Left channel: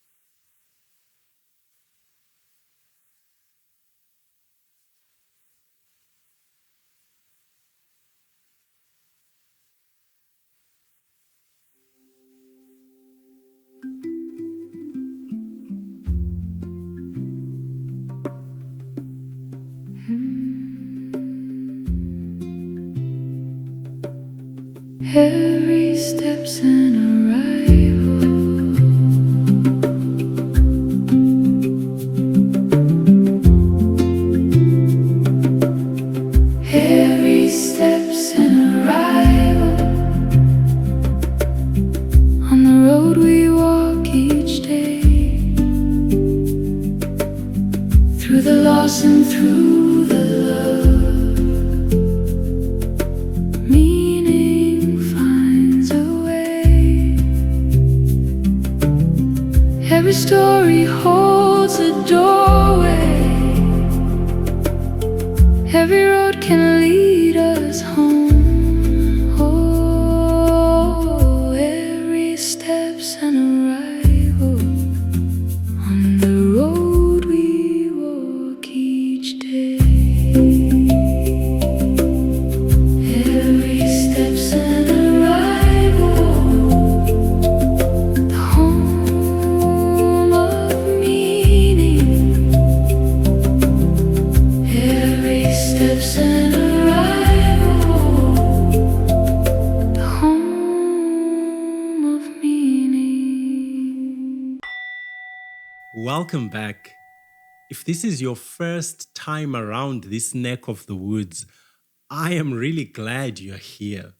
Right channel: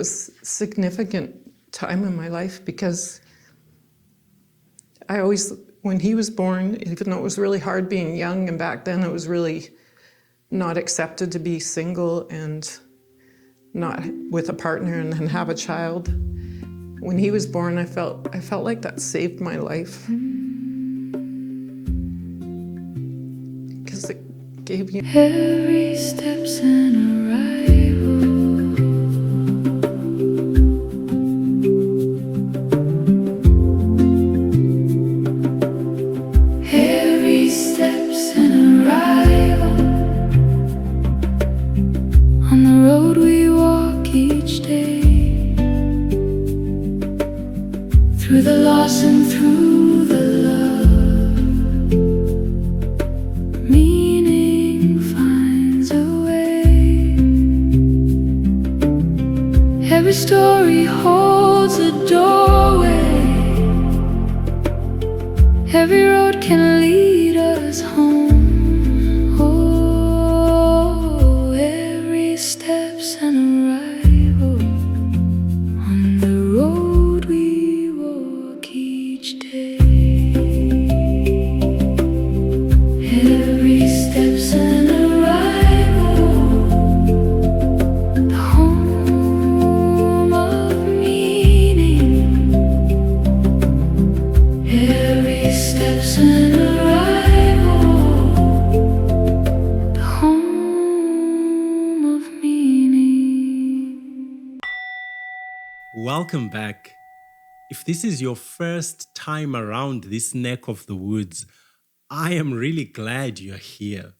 was a significant time in my life because when he was born, even though it was really hard being young, and back then it was really not accepted to be single and not with a partner and then have a child. When he was born, I felt like that saved my life. Because it gave you... Every step's an arrival. Every step's an arrival. On the road we walk each day, through the loss and through the love, meaning finds a way. Every story holds a doorway. Every road can lead us home. Oh, every step's an arrival. On the road we walk each day. Every step's an arrival. The home of meaning. Every step's an arrival. The home of meaning. Welcome back. If this is your first time around this neck of the woods, I am really glad you're here.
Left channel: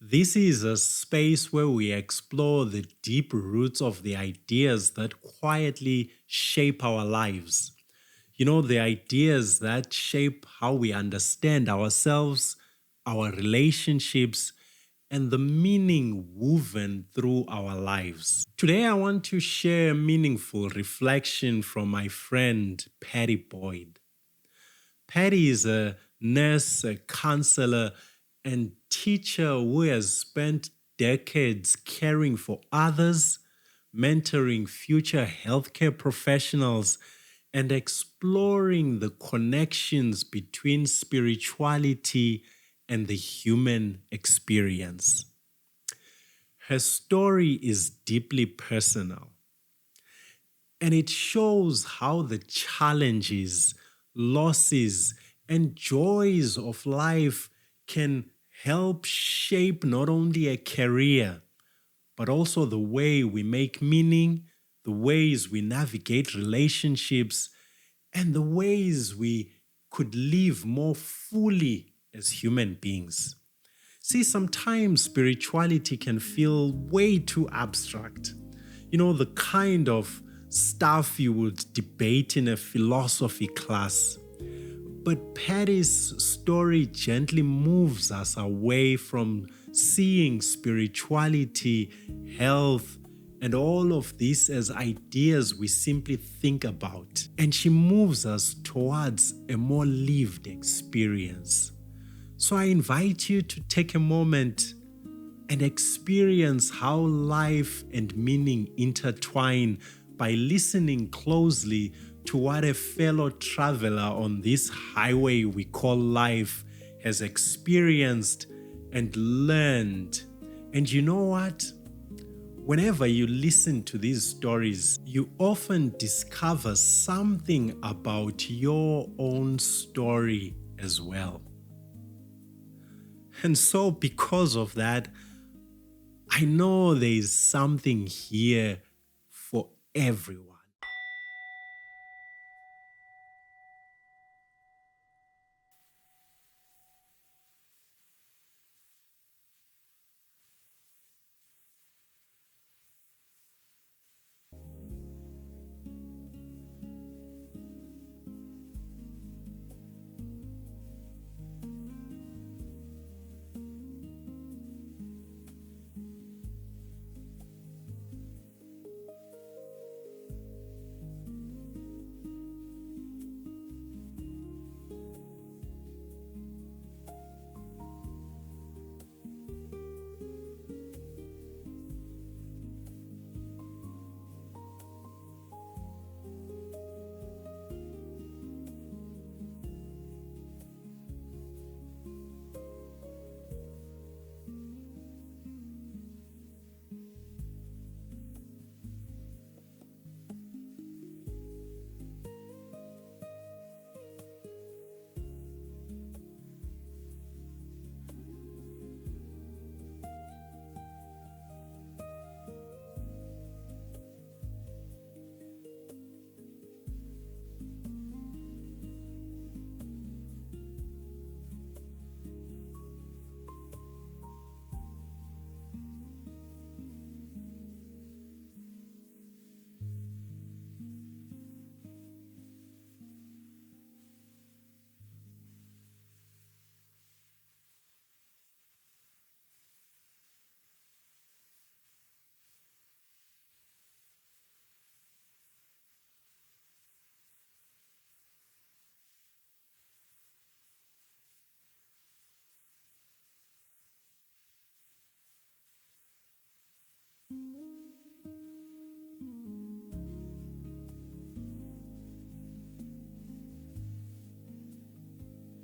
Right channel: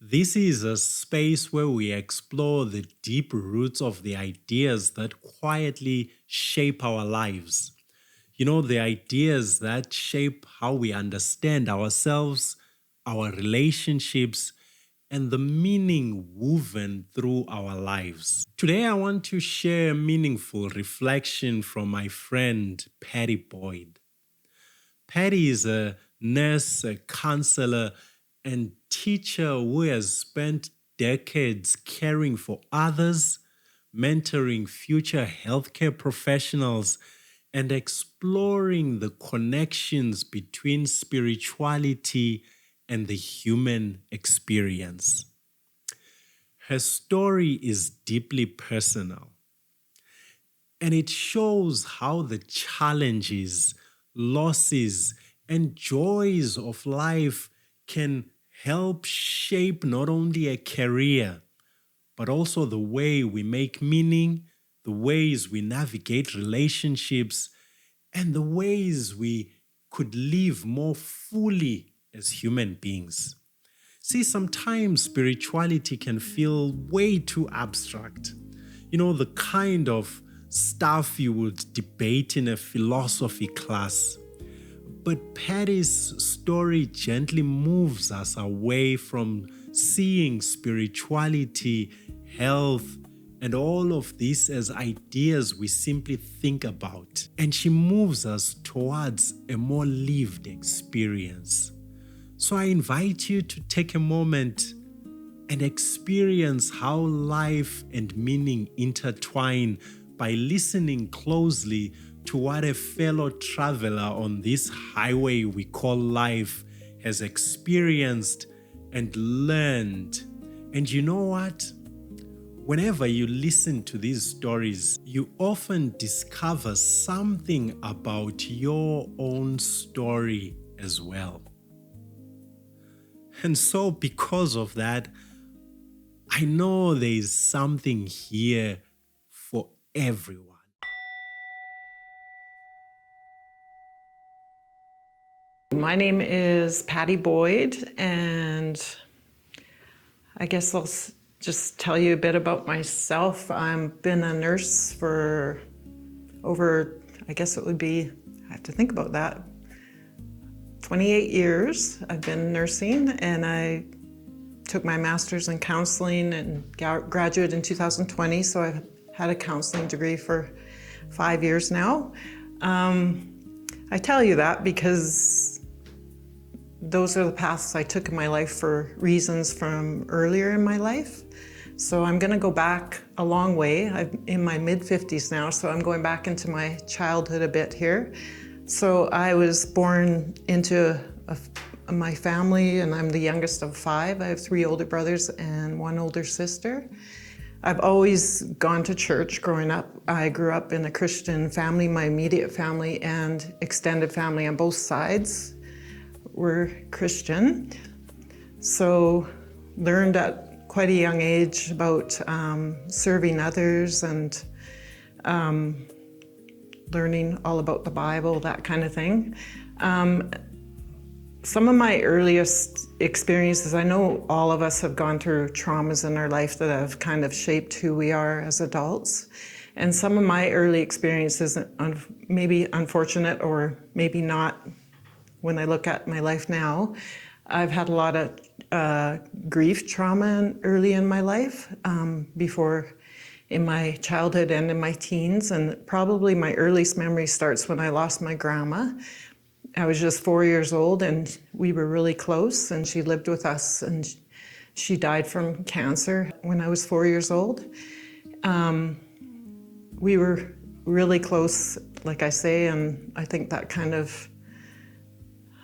This is a space where we explore the deep roots of the ideas that quietly shape our lives. You know, the ideas that shape how we understand ourselves, our relationships, and the meaning woven through our lives. Today, I want to share a meaningful reflection from my friend, Patti Boyd. Patti is a nurse, a counselor, and teacher who has spent decades caring for others, mentoring future healthcare professionals, and exploring the connections between spirituality and the human experience. Her story is deeply personal, and it shows how the challenges, losses, and joys of life can help shape not only a career, but also the way we make meaning, the ways we navigate relationships, and the ways we could live more fully as human beings. See, sometimes spirituality can feel way too abstract. You know, the kind of stuff you would debate in a philosophy class. But Patti's story gently moves us away from seeing spirituality, health, and all of this as ideas we simply think about. And she moves us towards a more lived experience. So I invite you to take a moment and experience how life and meaning intertwine by listening closely to what a fellow traveler on this highway we call life has experienced and learned. And you know what? Whenever you listen to these stories, you often discover something about your own story as well. And so because of that, I know there is something here for everyone. My name is Patti Boyd, and I guess I'll just tell you a bit about myself. I've been a nurse for over, I guess it would be, I have to think about that, 28 years I've been nursing, and I took my master's in counseling and graduated in 2020, so I've had a counseling degree for 5 years now. I tell you that because those are the paths I took in my life for reasons from earlier in my life. So I'm going to go back a long way. I'm in my mid-50s now, so I'm going back into my childhood a bit here. So I was born into my family, and I'm the youngest of 5. I have 3 older brothers and 1 older sister. I've always gone to church growing up. I grew up in a Christian family. My immediate family and extended family on both sides were Christian. So learned at quite a young age about serving others and learning all about the Bible, that kind of thing. Some of my earliest experiences, I know all of us have gone through traumas in our life that have kind of shaped who we are as adults. And some of my early experiences, maybe unfortunate or maybe not, when I look at my life now, I've had a lot of grief trauma early in my life, before in my childhood and in my teens. And probably my earliest memory starts when I lost my grandma. I was just 4 years old, and we were really close, and she lived with us, and she died from cancer when I was 4 years old. We were really close, like I say, and I think that kind of,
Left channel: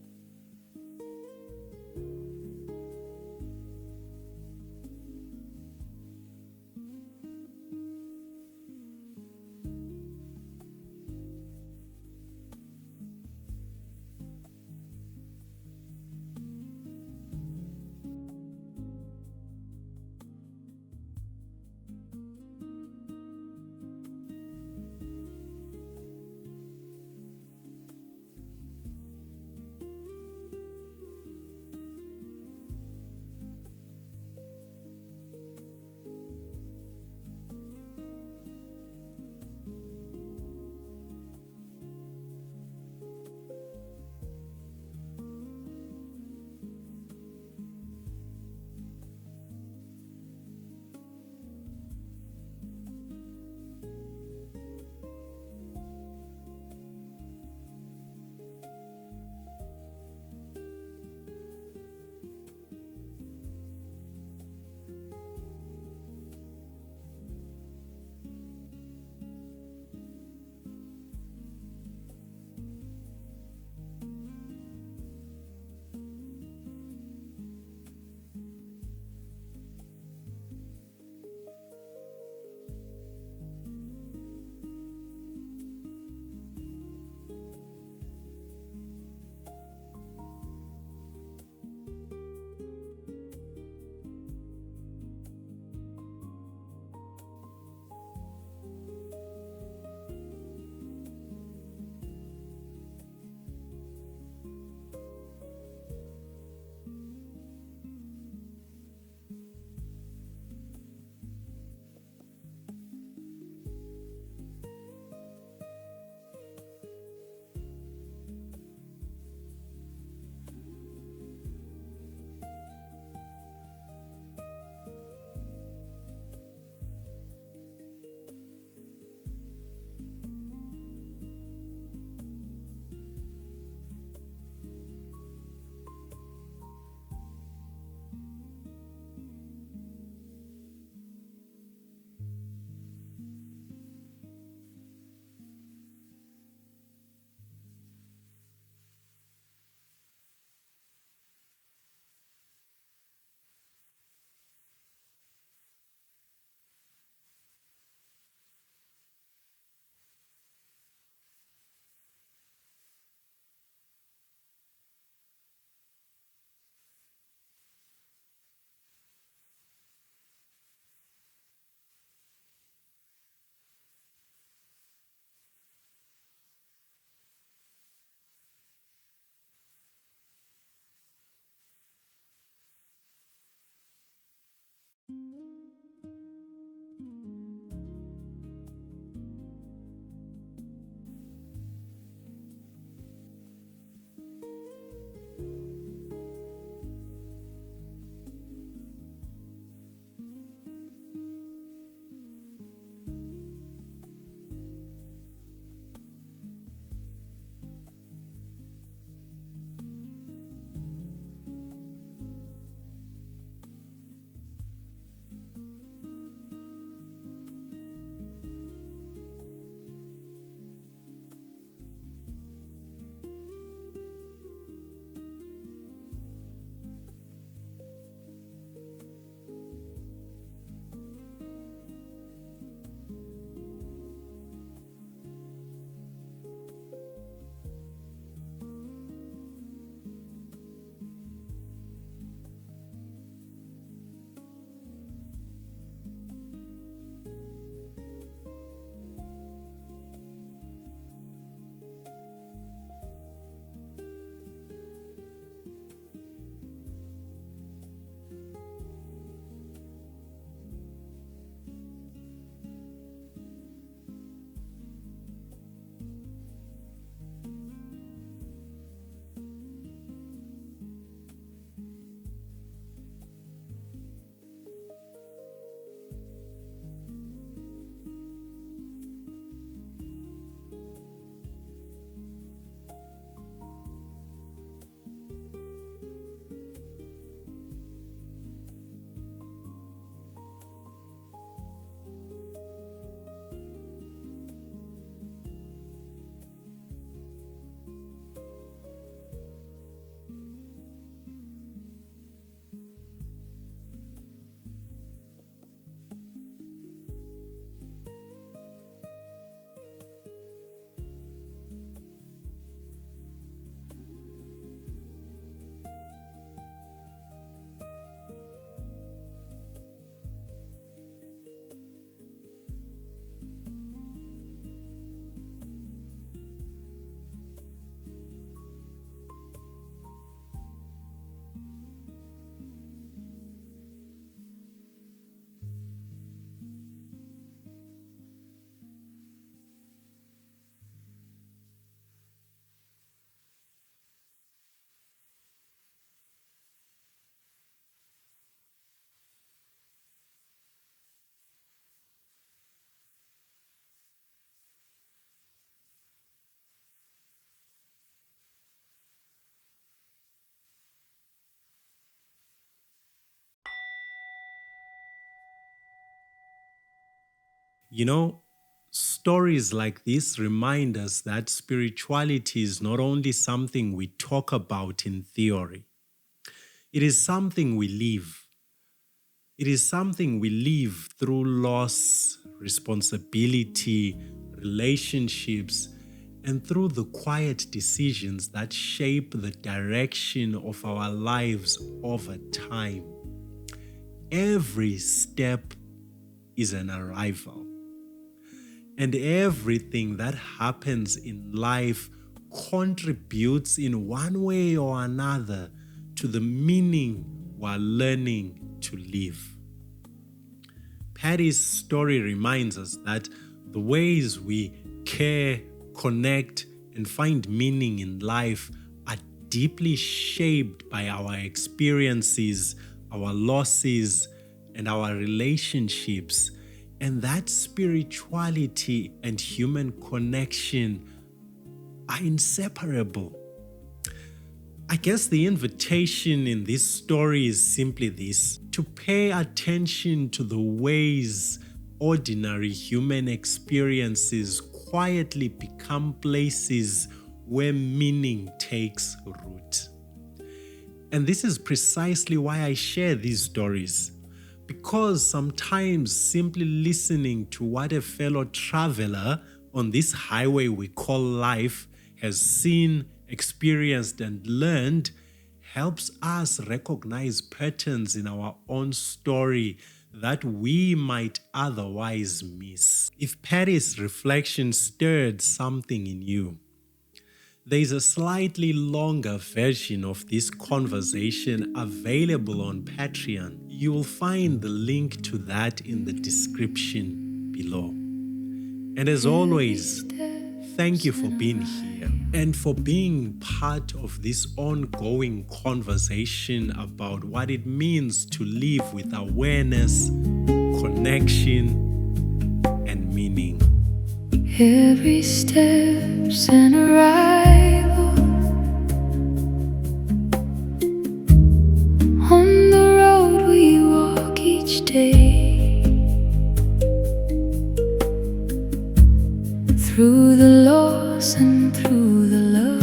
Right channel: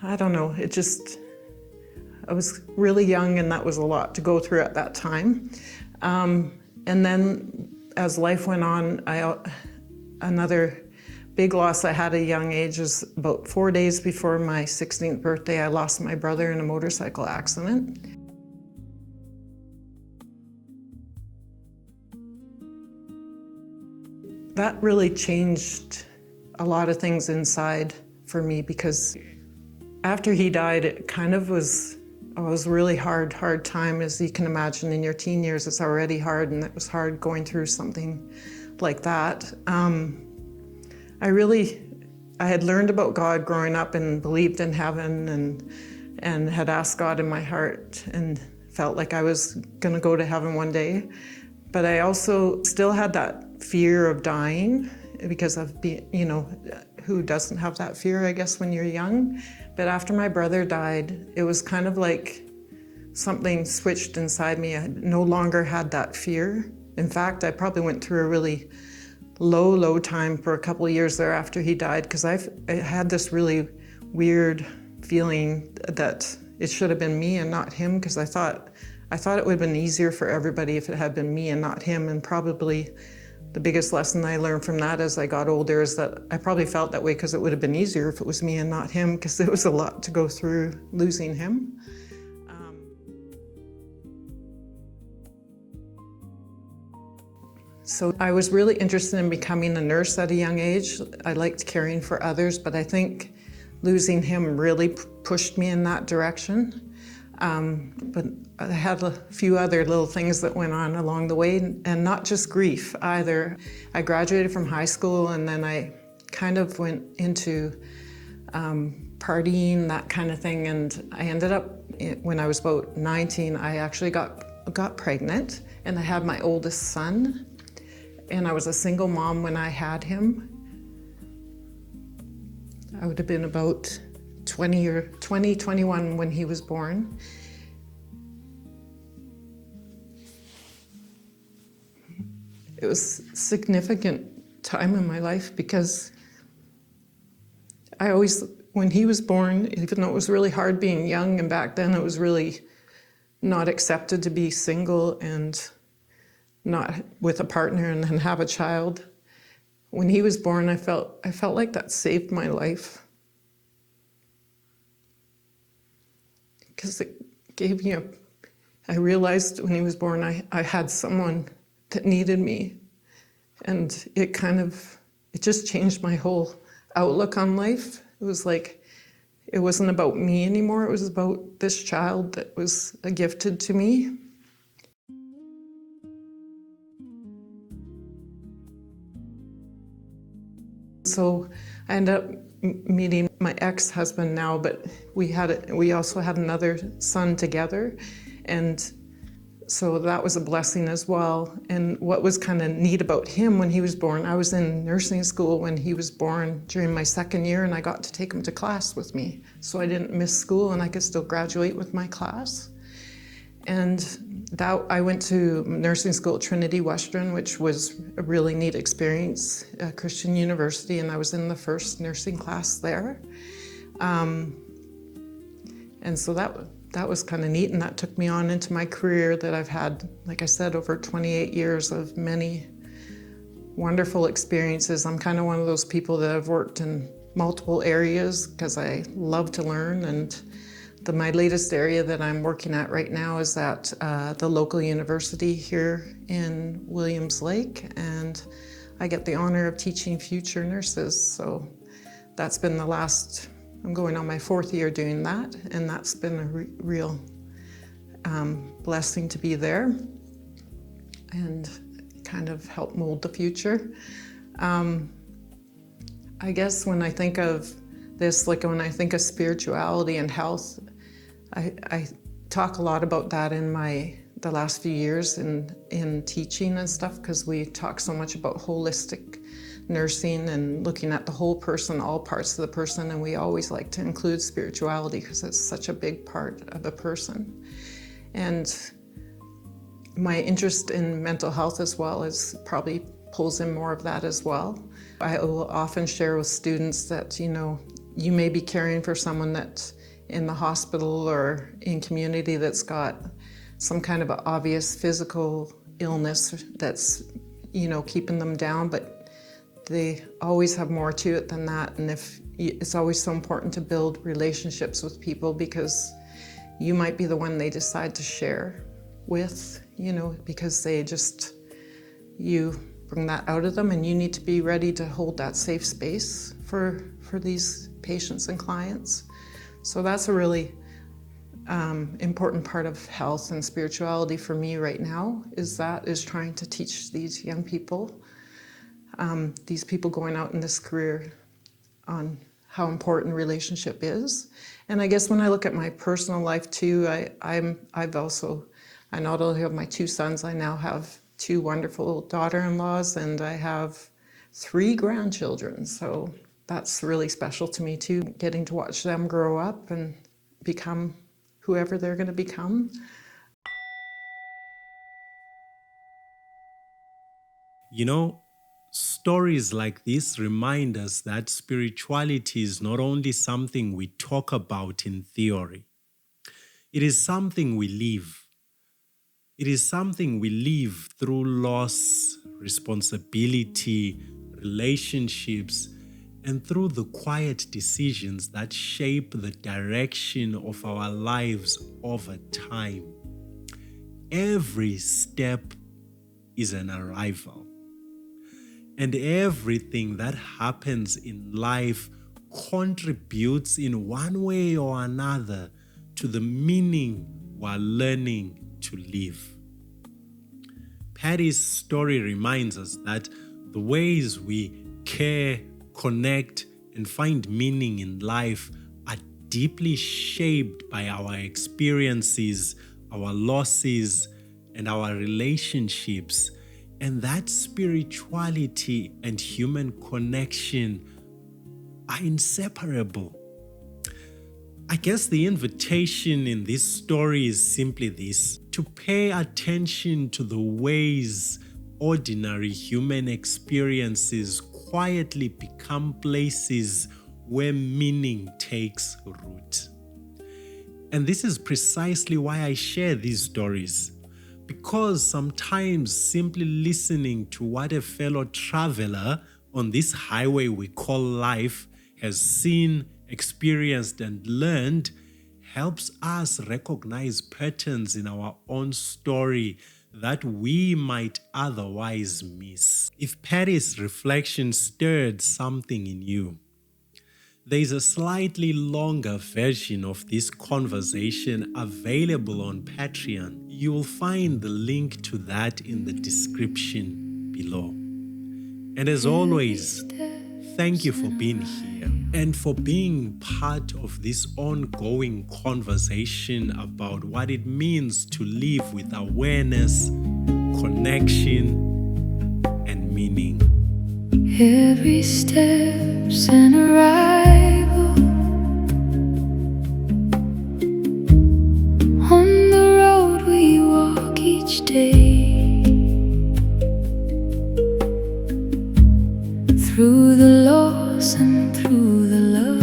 I don't know, I was really young, and that was a lot to go through at that time. And then as life went on, another big loss I had at a young age is about 4 days before my 16th birthday, I lost my brother in a motorcycle accident. That really changed a lot of things inside for me, because after he died, it kind of was really hard time. As you can imagine, in your teen years, it's already hard, and it was hard going through something like that. I had learned about God growing up and believed in heaven and had asked God in my heart and felt like I was gonna go to heaven one day. But I also still had that fear of dying, because of who doesn't have that fear, I guess, when you're young. But after my brother died, it was kind of like something switched inside me. I no longer had that fear. In fact, I probably went through a really low time for a couple of years there after he died, because I had this really weird feeling that it should have been me and not him, because I thought it would have been easier for everybody if it had been me and not him. And probably the biggest lesson I learned from that as I got older is that I probably felt that way because it would have been easier if it was me and not him, because it was a lot to go through losing him. So I was really interested in becoming a nurse at a young age. I liked caring for others, but I think losing him really pushed me in that direction. But I had a few other little things that went on along the way, and not just grief either. I graduated from high school, and then I kind of went into partying, that kind of thing, and I ended up, when I was about 19, I actually got pregnant, and I had my oldest son. And I was a single mom when I had him. I would have been about 21 when he was born. It was a significant time in my life, because when he was born, even though it was really hard being young, and back then it was really not accepted to be single and not with a partner and then have a child. When he was born, I felt like that saved my life, because it gave me I realized when he was born, I had someone that needed me, and it just changed my whole outlook on life. It was like, it wasn't about me anymore, it was about this child that was gifted to me. So I ended up meeting my ex-husband now, but we also had another son together, and so that was a blessing as well. And what was kind of neat about him when he was born, I was in nursing school when he was born during my second year, and I got to take him to class with me. So I didn't miss school, and I could still graduate with my class. And I went to nursing school at Trinity Western, which was a really neat experience, a Christian university, and I was in the first nursing class there. And so that was kind of neat, and that took me on into my career that I've had, like I said, over 28 years of many wonderful experiences. I'm kind of one of those people that have worked in multiple areas because I love to learn, and my latest area that I'm working at right now is at the local university here in Williams Lake, and I get the honor of teaching future nurses. So that's been I'm going on my 4th year doing that, and that's been a real blessing to be there and kind of help mold the future. I guess when I think of this, like when I think of spirituality and health, I talk a lot about that in the last few years in teaching and stuff, because we talk so much about holistic nursing and looking at the whole person, all parts of the person, and we always like to include spirituality because it's such a big part of a person. And my interest in mental health as well probably pulls in more of that as well. I will often share with students that, you may be caring for someone that's in the hospital or in community that's got some kind of an obvious physical illness that's, keeping them down, but they always have more to it than that. And it's always so important to build relationships with people, because you might be the one they decide to share with, because you bring that out of them, and you need to be ready to hold that safe space for these patients and clients. So that's a really important part of health and spirituality for me right now, is trying to teach these young people, these people going out in this career, on how important relationship is. And I guess when I look at my personal life too, I not only have my 2 sons, I now have 2 wonderful daughter-in-laws, and I have 3 grandchildren. So that's really special to me too, getting to watch them grow up and become whoever they're going to become. Stories like this remind us that spirituality is not only something we talk about in theory. It is something we live. It is something we live through loss, responsibility, relationships, and through the quiet decisions that shape the direction of our lives over time. Every step is an arrival. And everything that happens in life contributes in one way or another to the meaning we're learning to live. Patti's story reminds us that the ways we care, connect, and find meaning in life are deeply shaped by our experiences, our losses, and our relationships. And that spirituality and human connection are inseparable. I guess the invitation in this story is simply this: to pay attention to the ways ordinary human experiences quietly become places where meaning takes root. And this is precisely why I share these stories. Because sometimes simply listening to what a fellow traveler on this highway we call life has seen, experienced, and learned helps us recognize patterns in our own story that we might otherwise miss. If Patti's reflection stirred something in you, there is a slightly longer version of this conversation available on Patreon. You will find the link to that in the description below. And as always, thank you for being here and for being part of this ongoing conversation about what it means to live with awareness, connection, and meaning. Every step's an arrival on the road we walk. through the loss and through the love.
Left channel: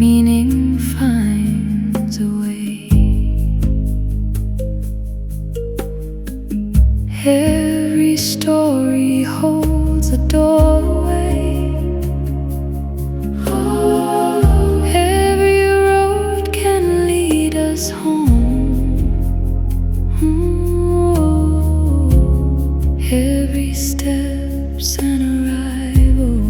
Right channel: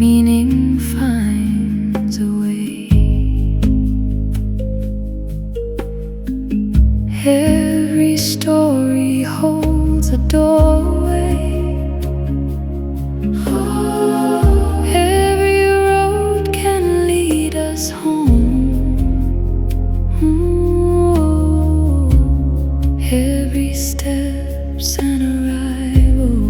Meaning finds a way. Every story holds a doorway. Every road can lead us home. Every step's an arrival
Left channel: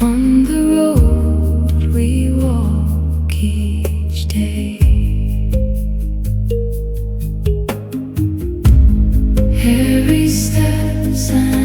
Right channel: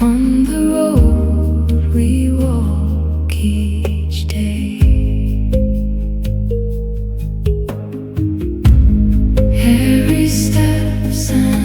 on the road we walk each day. Every step's an